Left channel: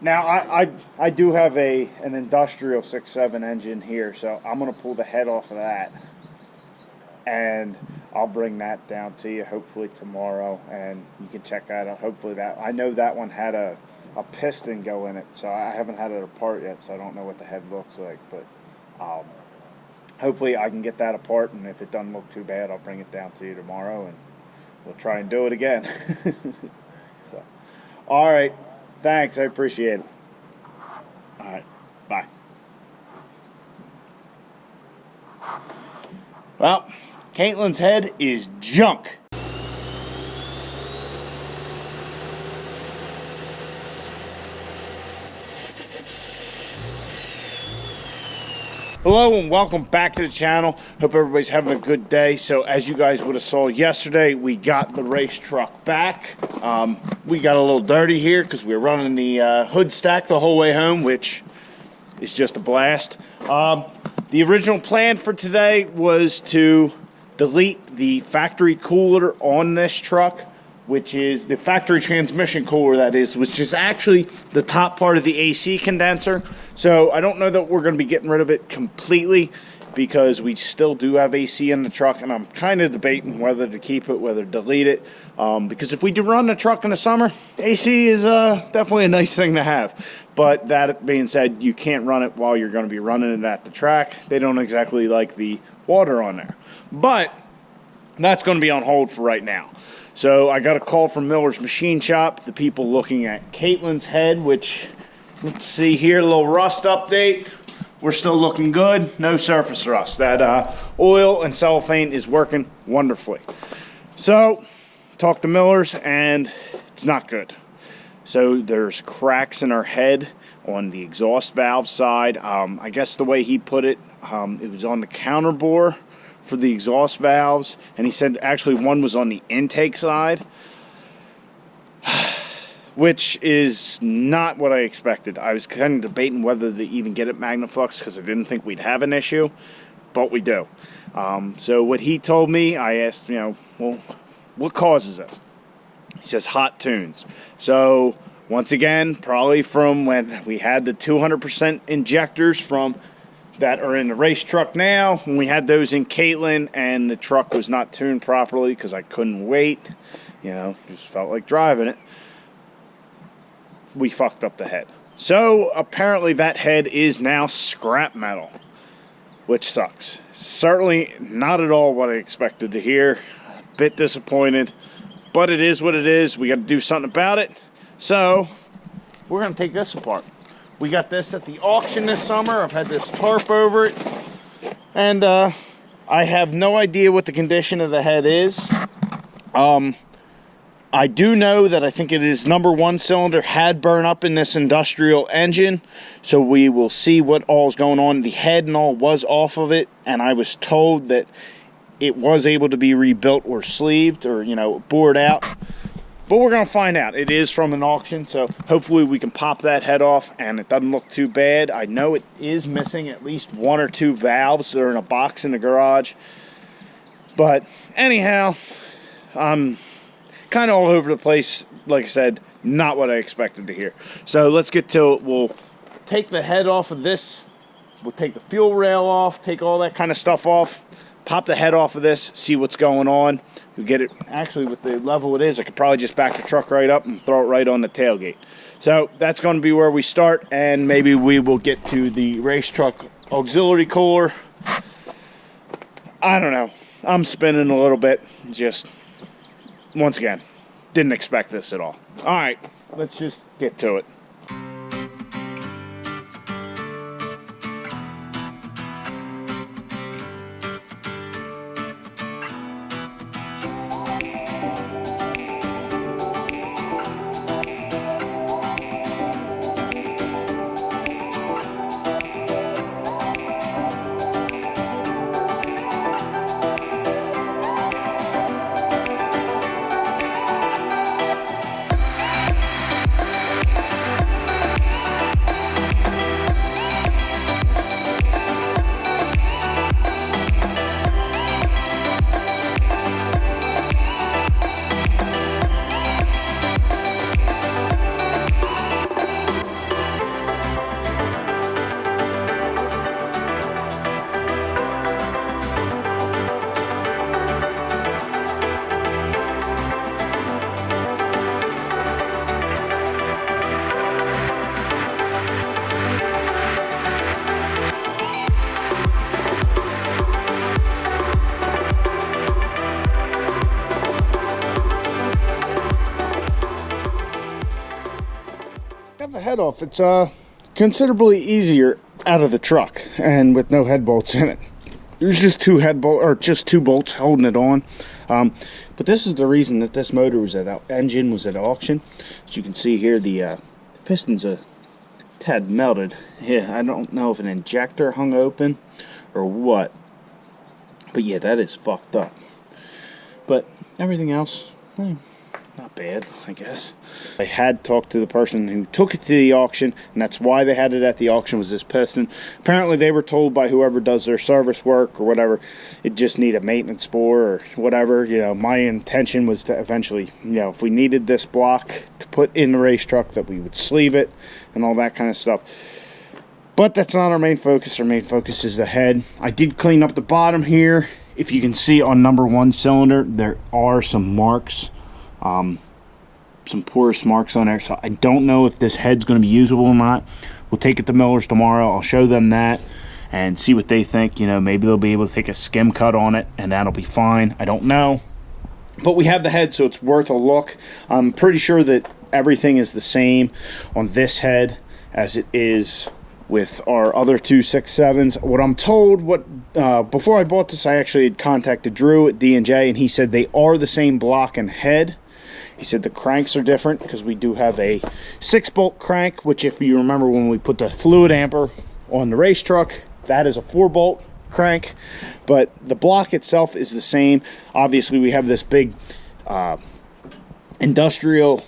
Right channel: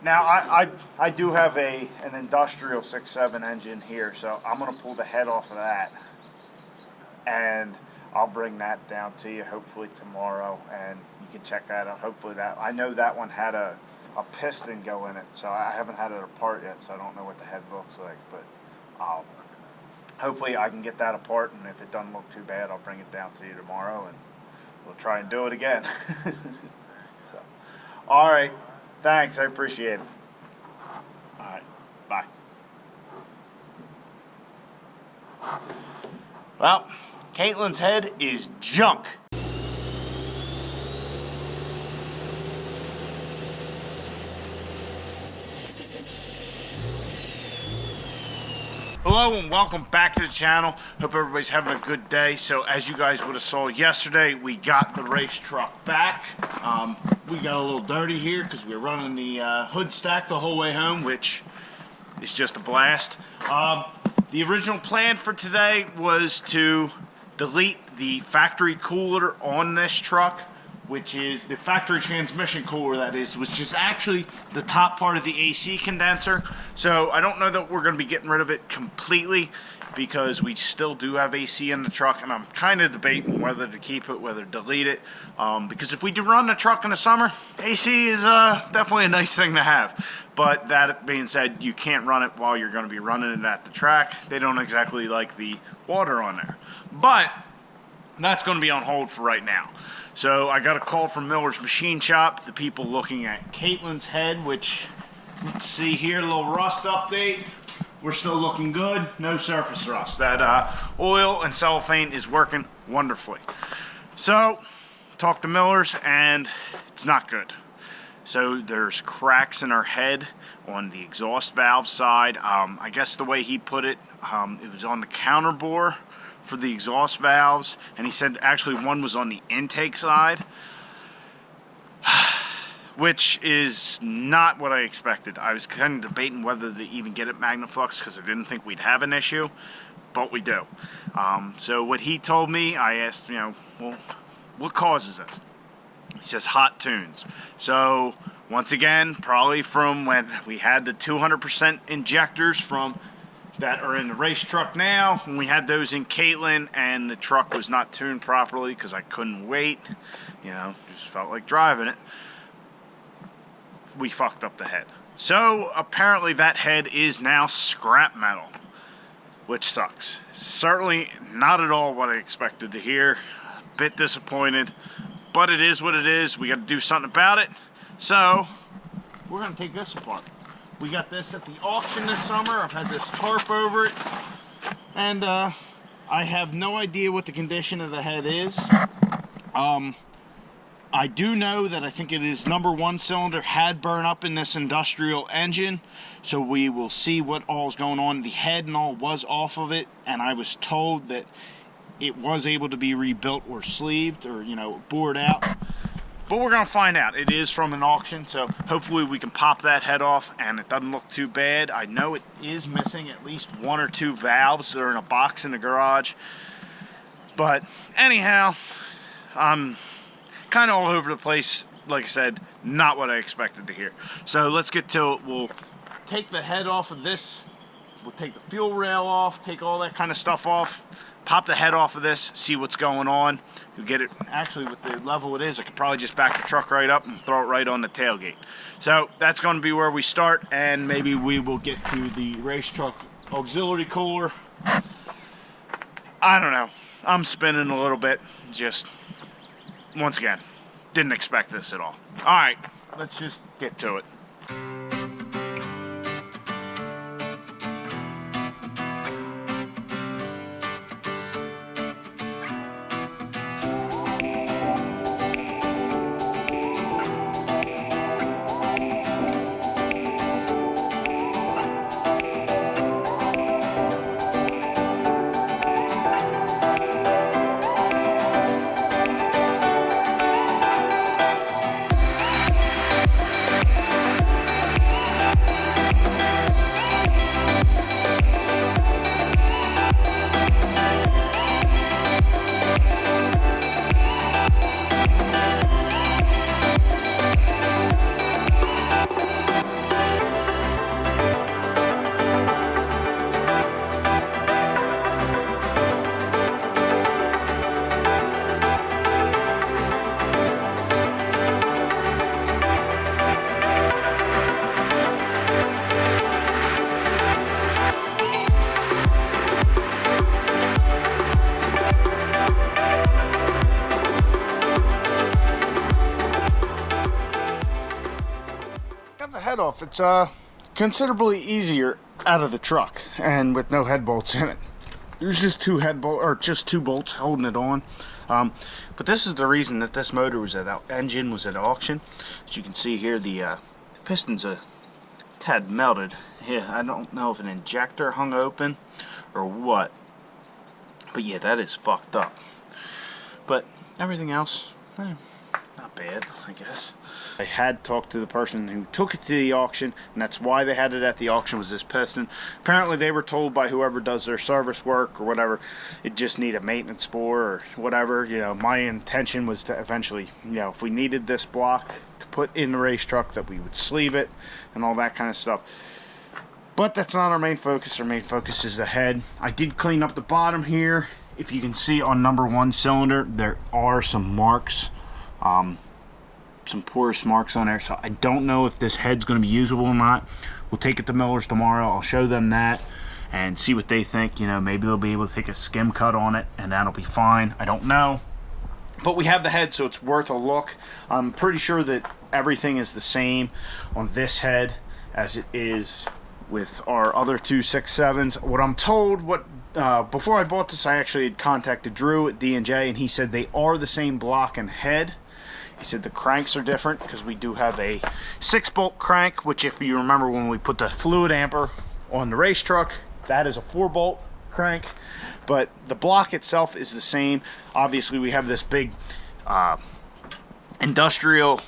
Now I do have an industrial 6.7 engine here, so I'm gonna pull the head off of that, and I'll bring that down to you hopefully tomorrow, and you can check that out. Hopefully I know that one had a piston go in it, so I haven't had it apart yet, so I don't know what the head looks like, but hopefully I can get that apart, and if it doesn't look too bad, I'll bring it down to you tomorrow, and we'll try and do it again. So, all right. Thanks, I appreciate it. All right, bye. Well, Caitlin's head is junk. Hello and welcome back to the channel. Hope everybody's having a good day. So as you guys would have saw yesterday, we got the race truck back. We got a little dirty here because we were running the hood stack the whole way home, which is just a blast. The original plan for today was to delete the factory cooler on this truck, which is the factory transmission cooler, that is, which is actually the top part of the AC condenser. So I don't know that we're going to be getting rid of it completely because we still do have AC in the truck, and I'm kind of debating whether to keep it, whether to delete it, because if we do run the truck in the summer, AC is definitely a nice thing to have. But that being said, you can't run it while you're going to be running it at the track. They don't exactly like the water on there. But that's going to be on hold for right now. So I got a call from Miller's Machine Shop, the people looking at Caitlin's head, which, let's see here, a little rust update. We're still looking good, no surface rust. That oil and cellophane is working wonderfully. So, talked to Miller's and it's not good. So there's cracks in our head on the exhaust valve side. I guess the way he put it, it was on the counter bore for the exhaust valves, and he said actually one was on the intake side, which is not what I expected. I was kind of debating whether to even get it Magnaflux because I didn't think we'd have an issue, but we do. So what he told me, I asked, well, what causes this? He says hot tunes. So once again, probably from when we had the 200% injectors from that are in the race truck now, when we had those in Caitlin and the truck was not tuned properly because I couldn't wait, just felt like driving it, we fucked up the head. So apparently that head is now scrap metal, which sucks. Certainly not at all what I expected to hear. A bit disappointed, but it is what it is. We got to do something about it. So we're going to take this apart. We got this at the auction this summer. I've had this tarp over it. And I have no idea what the condition of the head is. I do know that I think it is number one cylinder had burned up in this industrial engine. So we will see what all's going on. The head and all was off of it. And I was told that it was able to be rebuilt or sleeved or, bored out. But we're going to find out. It is from an auction, so hopefully we can pop that head off and it doesn't look too bad. I know it is missing at least one or two valves that are in a box in the garage. But anyhow, I'm kind of all over the place. Like I said, not what I expected to hear. So let's get to it. We'll take the head off of this. We'll take the fuel rail off, take all that kind of stuff off. Pop the head off of this, see what's going on. You get it, actually with the level it is, I could probably just back the truck right up and throw it right on the tailgate. So that's going to be where we start, and maybe we will get to the race truck auxiliary cooler. I don't know. I'm spinning a little bit. Just, once again, didn't expect this at all. All right, let's just get to it. got the head off. It's considerably easier out of the truck and with no head bolts in it. There's just two bolts holding it on. But this is the reason that this motor was engine was at auction. As you can see here, the piston's a tad melted. Yeah, I don't know if an injector hung open or what. But yeah, that is fucked up. But everything else, not bad, I guess. I had talked to the person who took it to the auction, and that's why they had it at the auction, was this piston. Apparently they were told by whoever does their service work or whatever, it just need a maintenance bore or whatever. You know, my intention was to eventually, you know, if we needed this block to put in the race truck, that we would sleeve it and all that kind of stuff. But that's not our main focus. Our main focus is the head. I did clean up the bottom here. If you can see on number 1 cylinder, there are some marks. Some porous marks on there, so I don't know if this head's going to be usable or not. We'll take it to Miller's tomorrow. I'll show them that and see what they think. You know, maybe they'll be able to take a skim cut on it and that'll be fine. I don't know, but we have the head, so it's worth a look. I'm pretty sure that everything is the same on this head as it is with our other two 6.7s. What I'm told, before I bought this, I actually had contacted Drew at D&J, and he said they are the same block and head. He said the cranks are different because we do have a 6-bolt crank, which, if you remember when we put the fluid amper on the race truck, that is a 4-bolt crank. But the block itself is the same. Obviously, we have this big industrial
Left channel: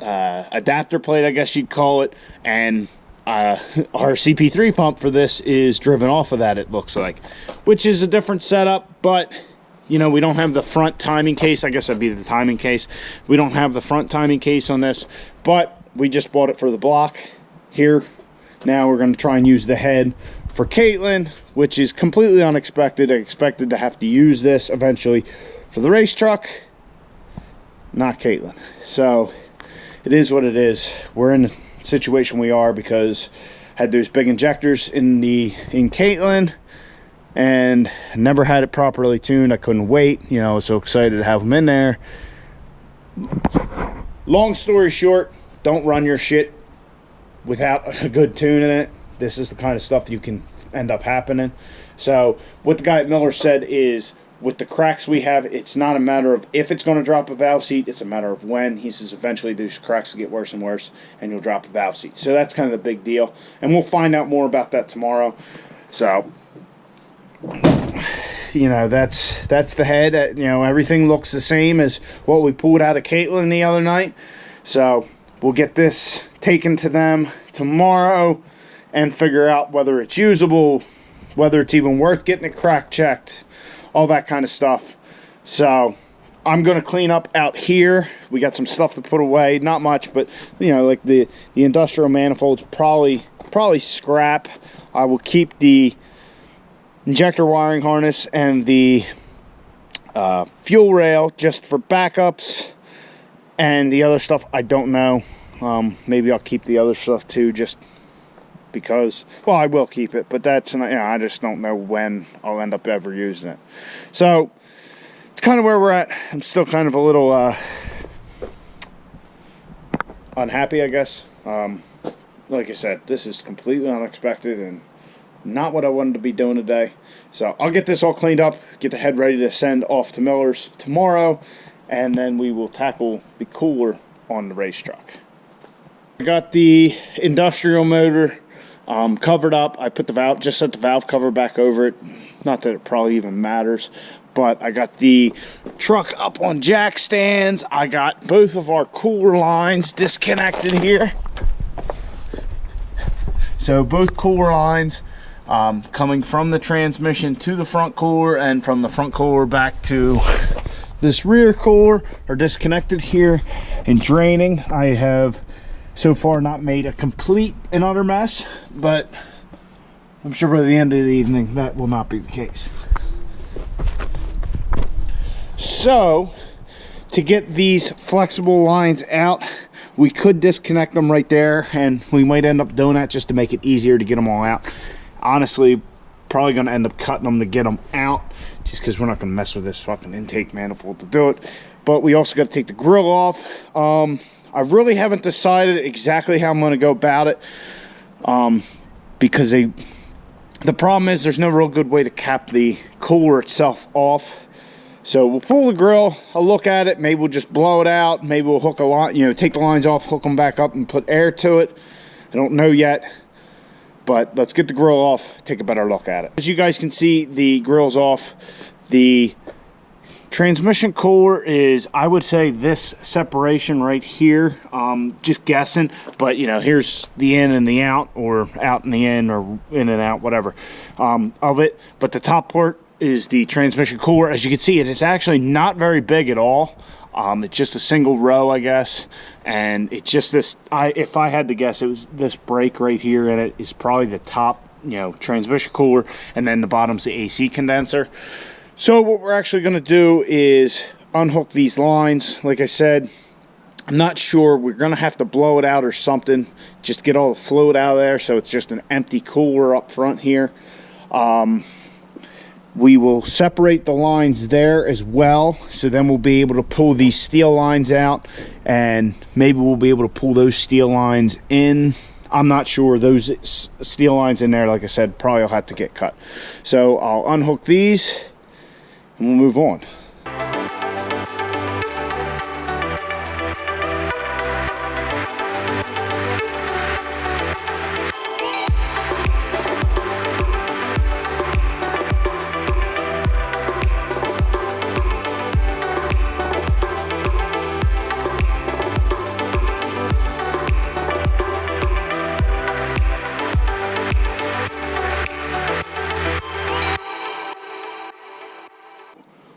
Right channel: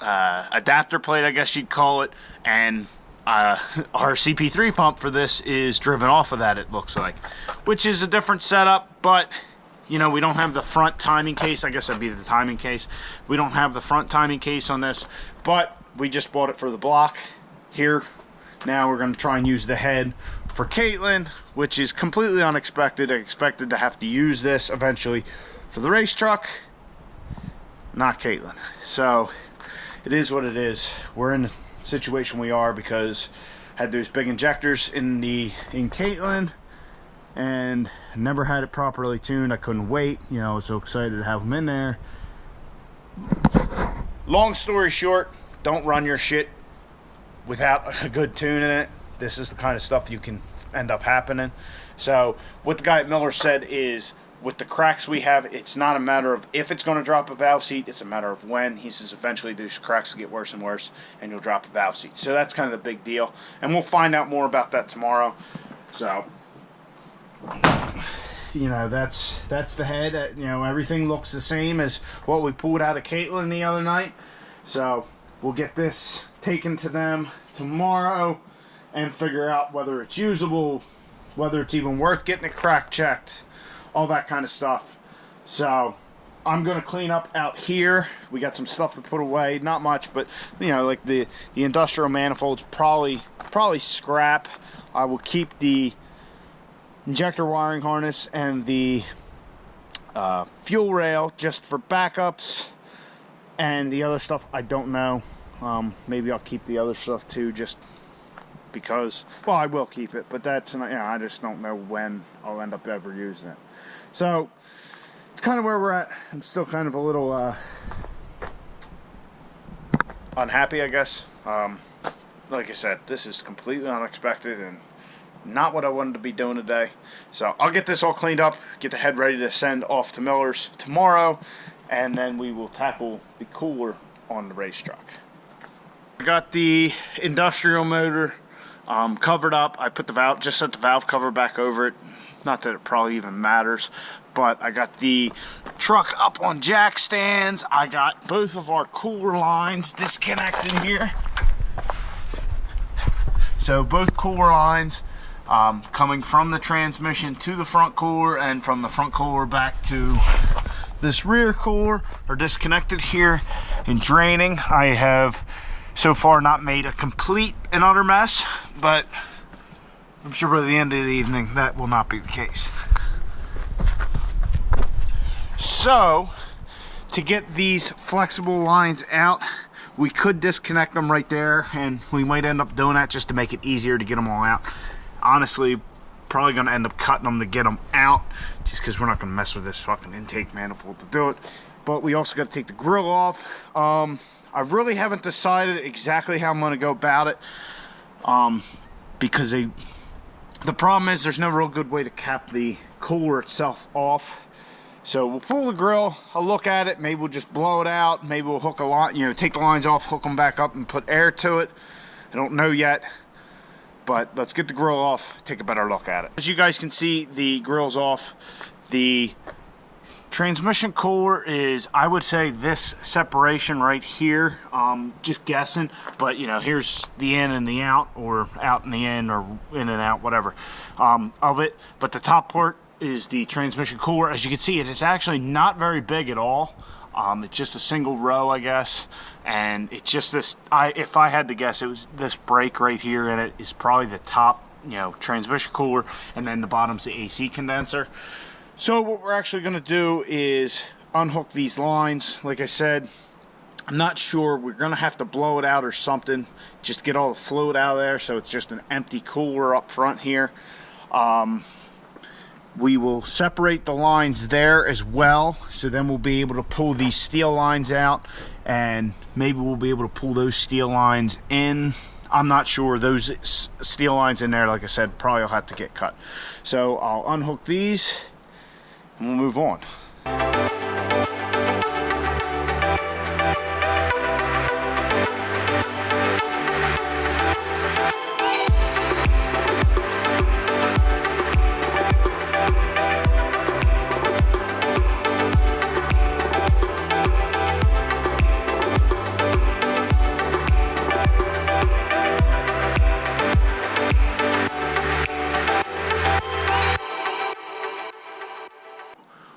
adapter plate, I guess you'd call it, and our CP3 pump for this is driven off of that, it looks like, which is a different setup. But you know, we don't have the front timing case. I guess that'd be the timing case. We don't have the front timing case on this, but we just bought it for the block here. Now we're going to try and use the head for Caitlin, which is completely unexpected. I expected to have to use this eventually for the race truck, not Caitlin. So it is what it is. We're in the situation we are because I had those big injectors in Caitlin, and never had it properly tuned. I couldn't wait. You know, I was so excited to have them in there. Long story short, don't run your shit without a good tune in it. This is the kind of stuff you can end up happening. So what the guy at Miller said is, with the cracks we have, it's not a matter of if it's going to drop a valve seat, it's a matter of when. He says eventually these cracks will get worse and worse and you'll drop a valve seat. So that's kind of the big deal. And we'll find out more about that tomorrow. So, you know, that's the head. You know, everything looks the same as what we pulled out of Caitlin the other night. So we'll get this taken to them tomorrow and figure out whether it's usable, whether it's even worth getting it crack checked, all that kind of stuff. So I'm going to clean up out here. We got some stuff to put away, not much, but you know, like the industrial manifolds, probably scrap. I will keep the injector wiring harness and the fuel rail just for backups, and the other stuff I don't know. Maybe I'll keep the other stuff too, just because, well, I will keep it, but that's, you know, I just don't know when I'll end up ever using it. So it's kind of where we're at. I'm still kind of a little unhappy, I guess. Like I said, this is completely unexpected and not what I wanted to be doing today. So I'll get this all cleaned up, get the head ready to send off to Miller's tomorrow, and then we will tackle the cooler on the race truck. I got the industrial motor covered up. I put the valve, just set the valve cover back over it. Not that it probably even matters, but I got the truck up on jack stands. I got both of our cooler lines disconnected here. So both cooler lines coming from the transmission to the front cooler and from the front cooler back to this rear cooler are disconnected here and draining. I have so far not made a complete and utter mess, but I'm sure by the end of the evening that will not be the case. So to get these flexible lines out, we could disconnect them right there, and we might end up doing that just to make it easier to get them all out. Honestly, probably going to end up cutting them to get them out, just because we're not going to mess with this fucking intake manifold to do it. But we also got to take the grill off. I really haven't decided exactly how I'm going to go about it, because the problem is there's no real good way to cap the cooler itself off. So we'll pull the grill, I'll look at it, maybe we'll just blow it out, maybe we'll hook a line, you know, take the lines off, hook them back up and put air to it. I don't know yet, but let's get the grill off, take a better look at it. As you guys can see, the grill's off. The transmission cooler is, I would say, this separation right here. Just guessing, but you know, here's the in and the out, or out and the in, or in and out, whatever, of it. But the top part is the transmission cooler. As you can see, it's actually not very big at all. It's just a single row, I guess, and it's just this. If I had to guess, it was this break right here, and it is probably the top, you know, transmission cooler, and then the bottom's the AC condenser. So what we're actually going to do is unhook these lines. Like I said, I'm not sure. We're going to have to blow it out or something, just get all the fluid out of there, so it's just an empty cooler up front here. We will separate the lines there as well, so then we'll be able to pull these steel lines out, and maybe we'll be able to pull those steel lines in. I'm not sure. Those steel lines in there, like I said, probably will have to get cut. So I'll unhook these and we'll move on.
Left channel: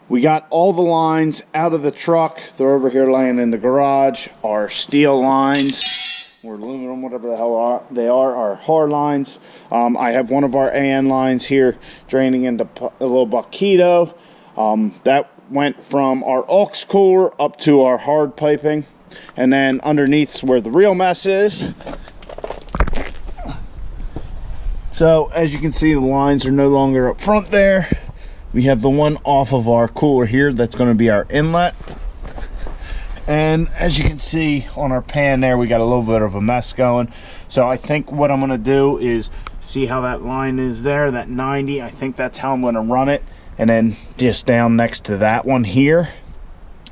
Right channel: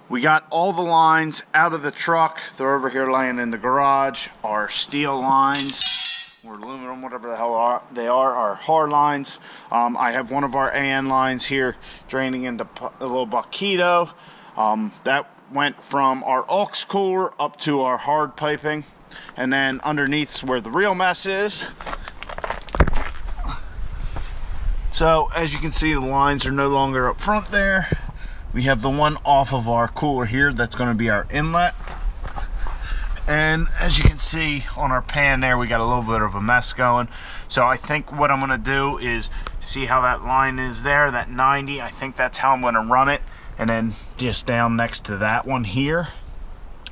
We got all the lines out of the truck. They're over here laying in the garage. Our steel lines, or aluminum, whatever the hell they are hard lines. I have one of our AN lines here draining into a little buckito. That went from our aux cooler up to our hard piping. And then underneath's where the real mess is. So as you can see, the lines are no longer up front there. We have the one off of our cooler here that's going to be our inlet. And as you can see on our pan there, we got a little bit of a mess going. So I think what I'm going to do is see how that line is there, that 90. I think that's how I'm going to run it. And then just down next to that one here.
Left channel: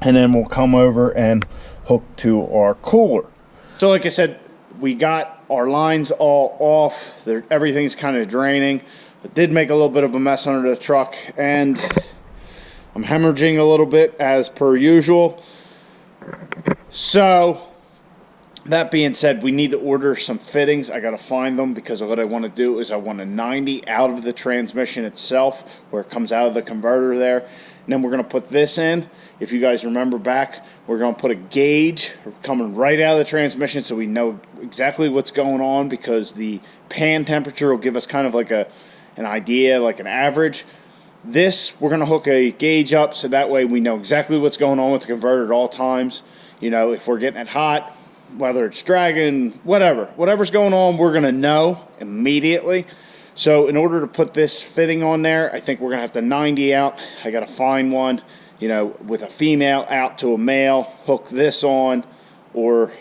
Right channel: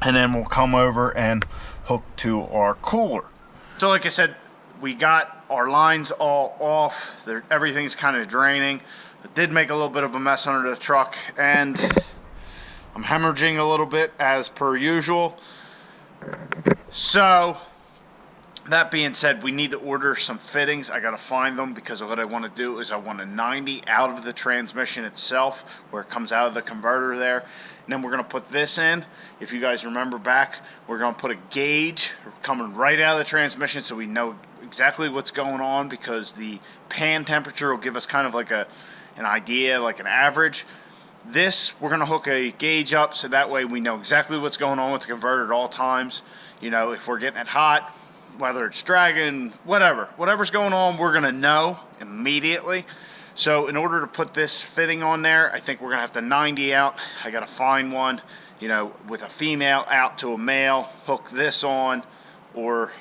And then we'll come over and hook to our cooler. So like I said, we got our lines all off. Everything's kind of draining. It did make a little bit of a mess under the truck, and I'm hemorrhaging a little bit as per usual. So that being said, we need to order some fittings. I got to find them, because what I want to do is I want a 90 out of the transmission itself, where it comes out of the converter there. And then we're going to put this in. If you guys remember back, we're going to put a gauge coming right out of the transmission, so we know exactly what's going on, because the pan temperature will give us kind of like an idea, like an average. This, we're going to hook a gauge up, so that way we know exactly what's going on with the converter at all times. You know, if we're getting it hot, whether it's dragging, whatever's going on, we're going to know immediately. So in order to put this fitting on there, I think we're going to have to 90 out. I got to find one, you know, with a female out to a male, hook this on, or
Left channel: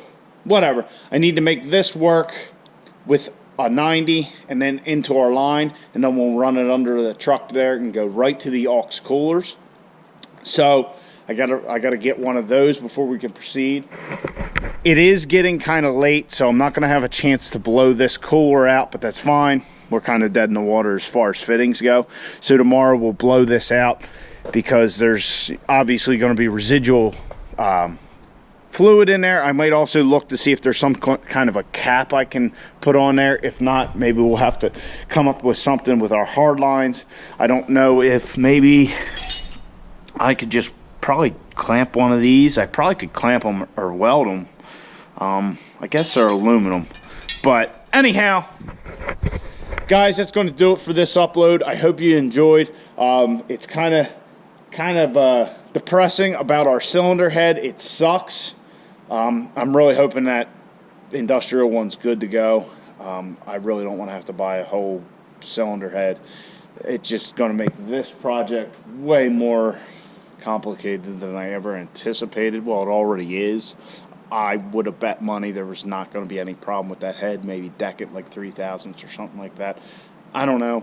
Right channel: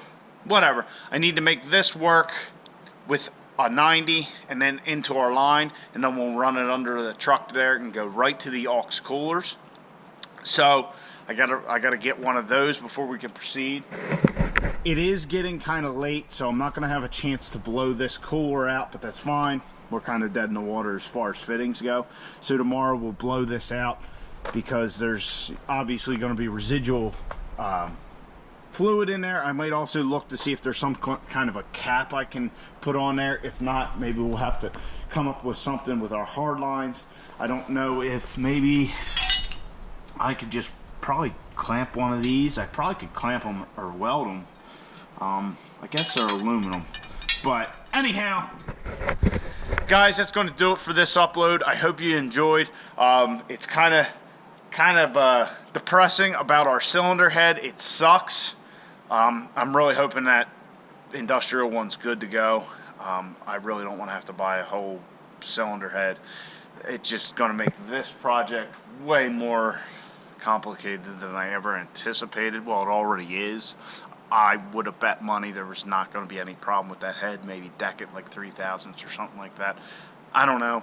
whatever. I need to make this work with a 90 and then into our line, and then we'll run it under the truck there and go right to the aux coolers. So I gotta get one of those before we can proceed. It is getting kind of late, so I'm not gonna have a chance to blow this cooler out, but that's fine. We're kind of dead in the water as far as fittings go. So tomorrow we'll blow this out, because there's obviously going to be residual fluid in there. I might also look to see if there's some kind of a cap I can put on there. If not, maybe we'll have to come up with something with our hard lines. I don't know if maybe I could just probably clamp one of these. I probably could clamp them or weld them. I guess they're aluminum. But anyhow, guys, that's going to do it for this upload. I hope you enjoyed. It's kind of depressing about our cylinder head. It sucks. I'm really hoping that industrial one's good to go. I really don't want to have to buy a whole cylinder head. It's just going to make this project way more complicated than I ever anticipated. Well, it already is. I would have bet money there was not going to be any problem with that head. Maybe deck it like 3,000s or something like that. I don't know.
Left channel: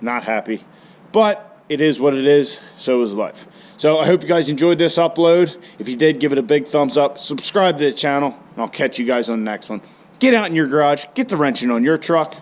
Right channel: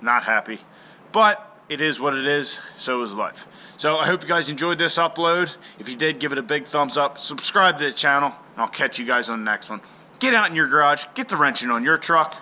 Not happy. But it is what it is. So is life. So I hope you guys enjoyed this upload. If you did, give it a big thumbs up. Subscribe to the channel. And I'll catch you guys on the next one. Get out in your garage. Get the wrenching on your truck.